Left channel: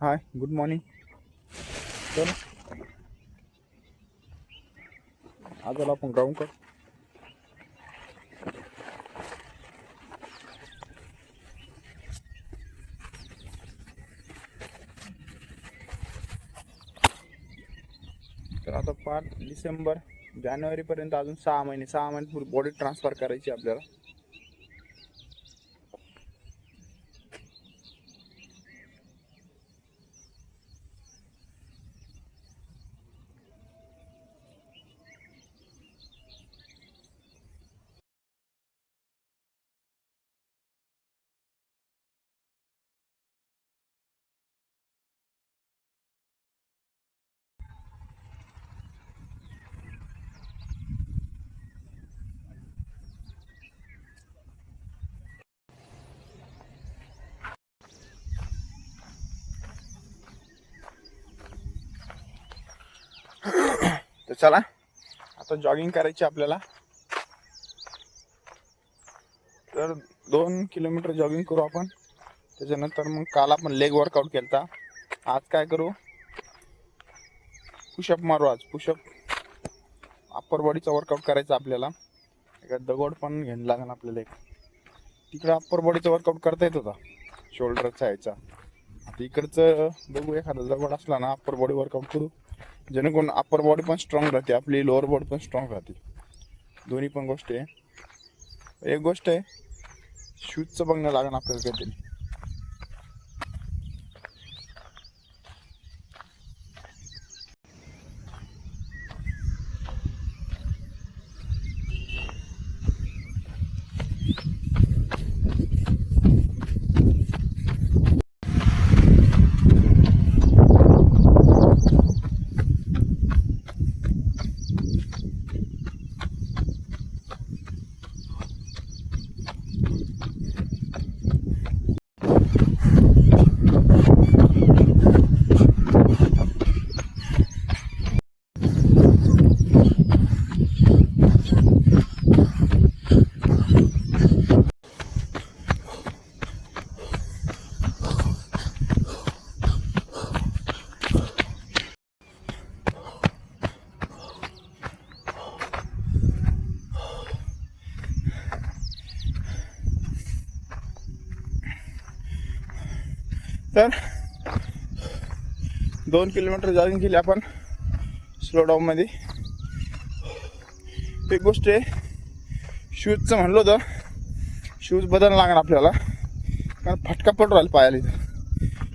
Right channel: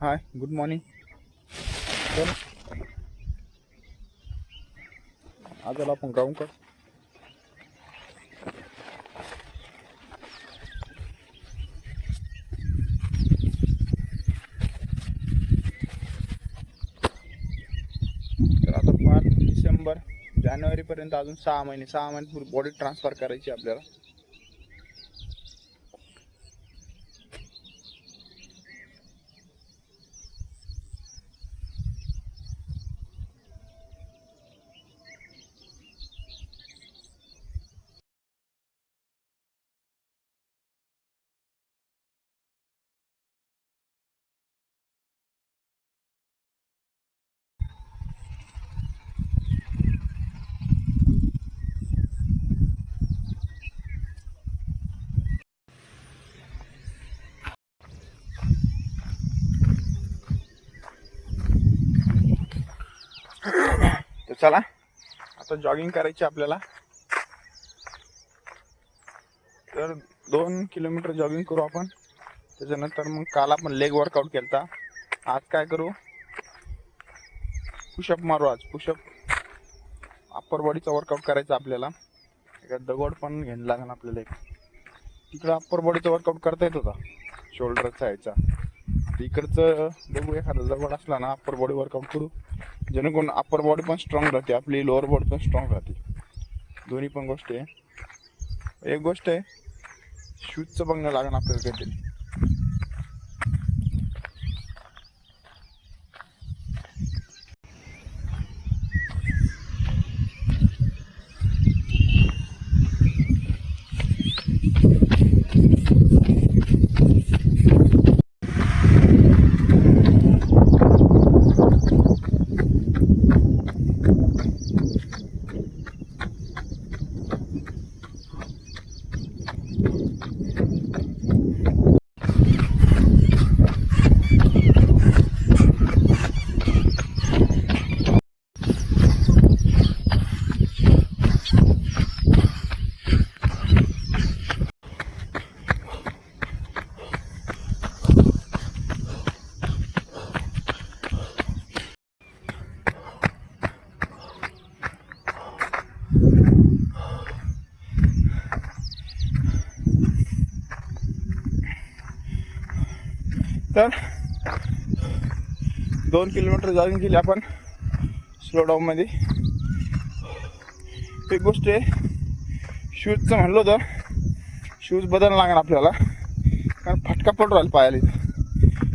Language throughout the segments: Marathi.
हाय, गुड मॉर्निंग. तर आज आला आपण गाऊन कर. तर आता 5 डिसेंबर जानेवारीपर्यंत अजून 6 महिने बॉडी ट्रान्सफर करायची आपल्याला. तर चला आता जॉगिंग करायची आपल्याला. तर 2 किलोमीटर जॉगिंग करू आपण. त्याच्यानंतर मग काल आपण लेग वर्कआउट केला. आज काय करू, पुशअप मारू. आज पुशअप अप्पर बॉडीचा वर्कआउट करायचा आपल्याला. एका दगड पण घ्यायला लागेल आपल्याला. तिकडं अप्पर बॉडीचा वर्कआउट करता येत होता शोल्डरचा ह्याचा. आता इकडचं बघू, एखादा दगड असला ना अप्पर बॉडी वर्कआउट करू, जेणेकरून अप्पर बॉडी पण स्ट्रॉंग राहते, आपली लोअर बॉडी पण स्ट्रॉंग राहते. दोन्ही पण गोष्टी आहे. एक गोष्ट आहे, शूजचं बघणं लागेल आपल्याला काहीतरी. तर 2 किलोमीटर जॉगिंग केली आपण स्लो डाऊन मध्ये. एक गोष्ट आहे, शूजचं म्हणलं होतं, शूज बदलायला लागणार आपल्याला, कारण फटका पडू राहिला पायाला.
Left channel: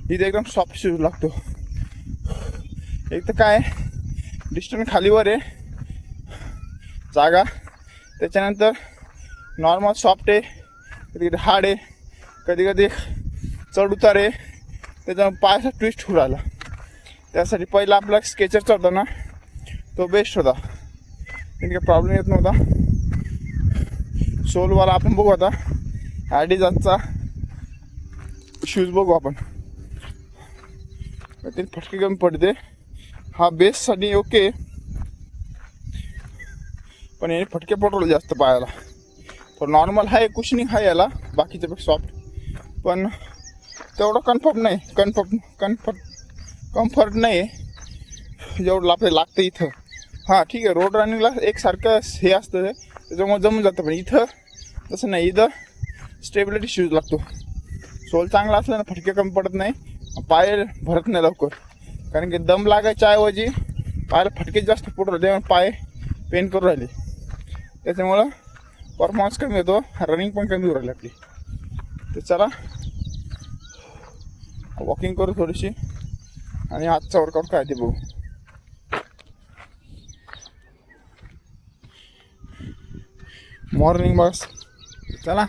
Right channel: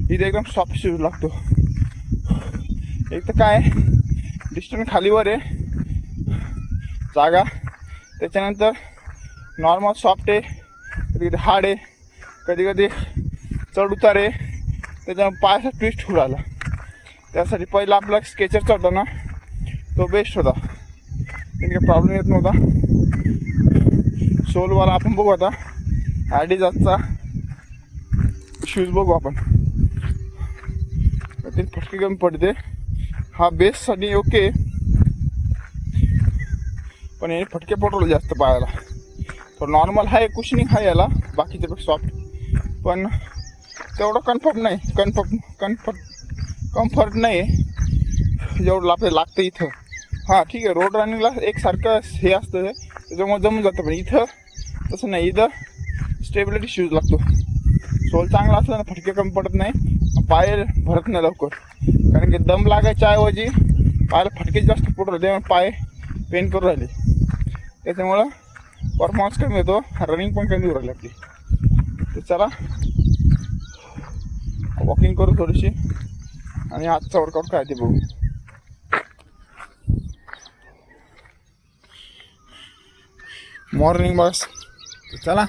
इथे एकदम सॉफ्ट शूज लागतो. एक तर काय डिस्टन्स खालीवर आहे जागा, त्याच्यानंतर नॉर्मल सॉफ्ट आहे, कधी कधी हार्ड आहे, कधी कधी चढ उतार आहे, त्याच्यामुळे पायाचा ट्विस्ट होऊ राहिला. त्यासाठी पहिला आपला स्केचरचा होता ना, तो बेस्ट होता, त्याने काही प्रॉब्लेम येत नव्हता. सोलवाला आपण बघू आता, ॲडिडासचा शूज बघू आपण. ते फटके कमी पडते. हा बेससाठी ओके, पण हे फटके पडवले जास्त पायाला. तो नॉर्मल आहे, कुशनिंग आहे याला बाकीच्यापेक्षा सॉफ्ट, पण तेवढं कम्फर्ट नाही. कम्फर्ट नाही जेवढं आपल्याला लागतं इथं. हां ठीक आहे, रोड रनिंगला एकसारखं हे असतं, त्याच्यामुळे जमून जातं. पण इथं तसं नाही, इथं स्टेबिलिटी शूज लागतो. सोल चांगला असला ना फटके कमी पडत नाही, पाय भरत नाही लवकर. कारण की दम लागायच्या ऐवजी पायाला फटके जास्त पडू राहिले, पाय पेन करू राहिले, त्याच्यामुळं परफॉर्मन्स कमी होतो, रनिंग पण कमी होऊ राहिली आपली. तर चला वॉकिंग करू थोडीशी आणि आजचा वर्कआउट काय ते बघू. मॉर्निंग बस. चला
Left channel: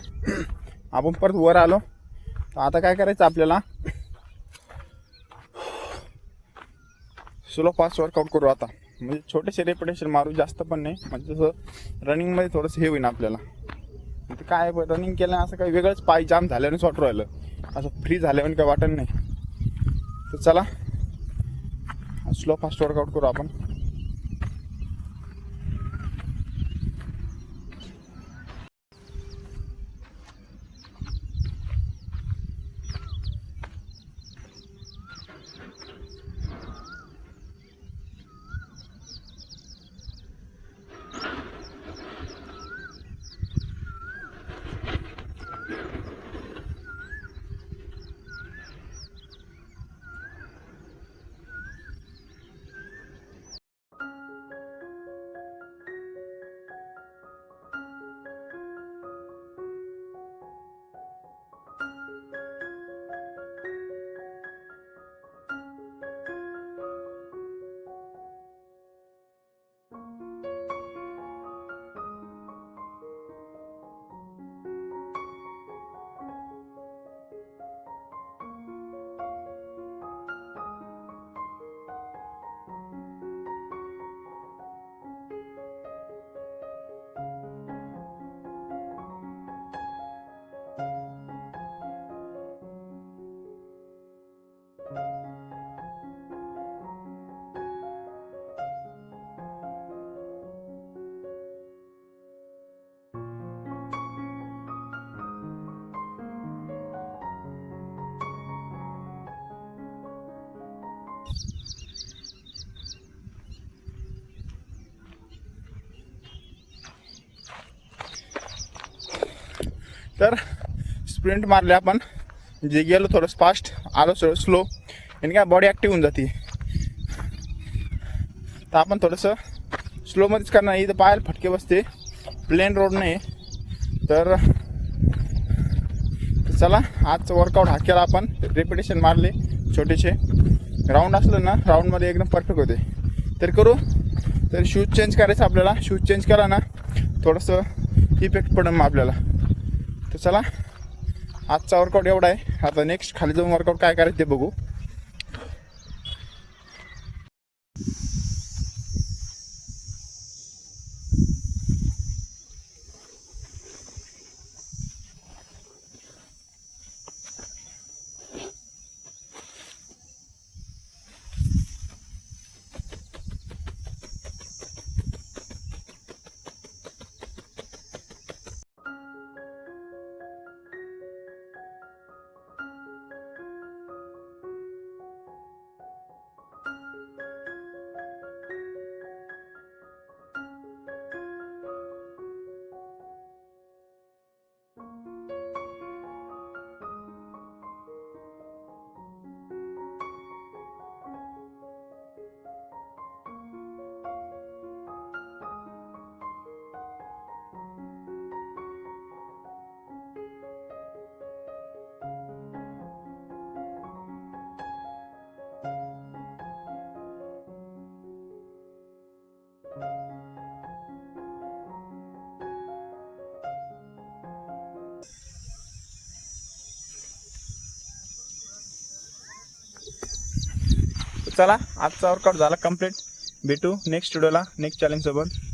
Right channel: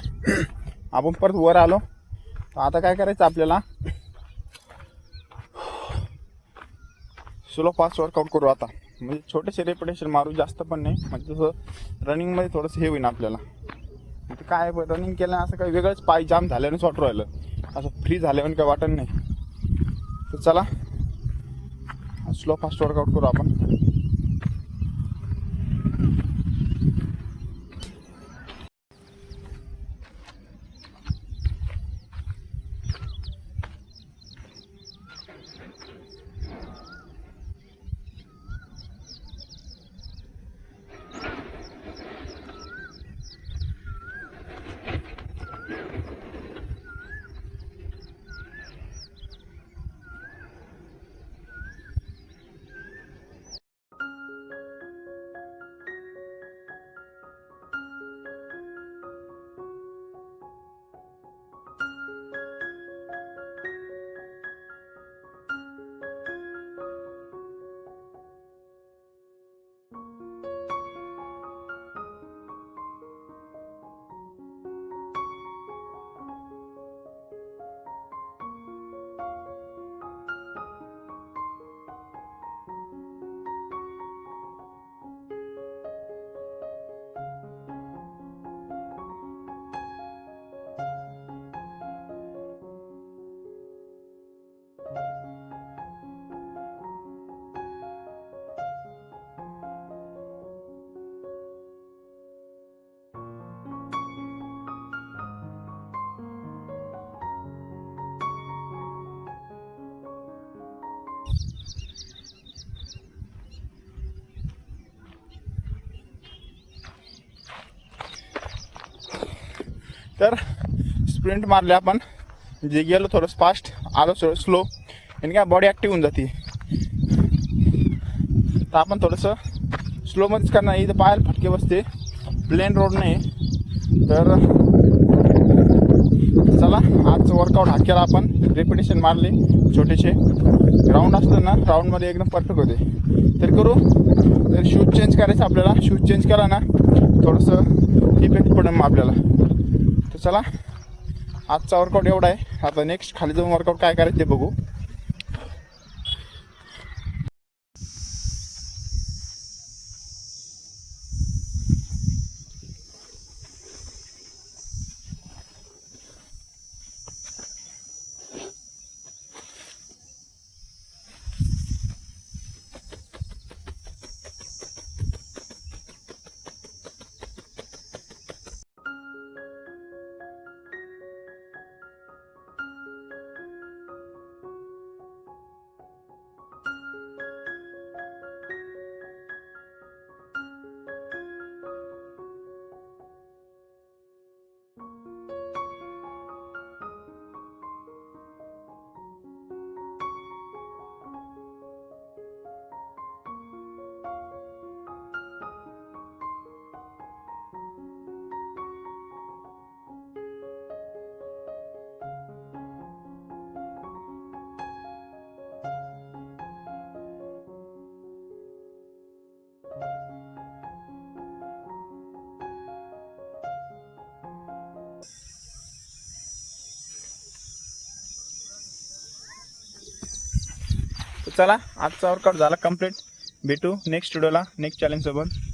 आपण परत वर आलो. तर आता काय करायचं आपल्याला, स्लो फास्ट वर्कआउट करू आता. म्हणजे छोटेसे रेपिटेशन मारू, जास्त पण नाही. म्हणजे तसं रनिंगमध्ये थोडंसं हे होईन आपल्याला. ते काय रनिंग केलं असं काही वेगळंच पाय जाम झाल्याने वाटू राहिलं, असं फ्री झाल्याने काही वाटत नाही. तर चला स्लो फास्ट वर्कआउट करू आपण. तर स्प्रिंट मारले आपण, जे गेलो थोडं फास्ट, आलो थोडं स्लो, आणि काय बॉडी ॲक्टिव्ह होऊन जाते. तर आपण थोडंसं स्लोमध्येच करणार. इथं पायाला फटके बसते, प्लेन रोड नाही. तर चला, आजचं वर्कआउट हा केला आपण, रेपिटेशन मारले छोटेसे. राऊंड असलं ना, राऊंडमध्ये एकदम परफेक्ट होते. तर करू. तर शूज चेंज करायचं आपल्याला. शूज चेंज केला ना थोडंसं इफेक्ट पडेल मग आपल्याला. तर चला, आजचा वर्कआउट एवढा आहे. आता नेक्स्ट खाली जाऊन वर्कआउट काय करायचं ते बघू. चला, आजचा वर्कआउट झाला कंप्लीट. भेटू नेक्स्ट व्हिडिओला नेक्स्ट चॅलेंज सोबत.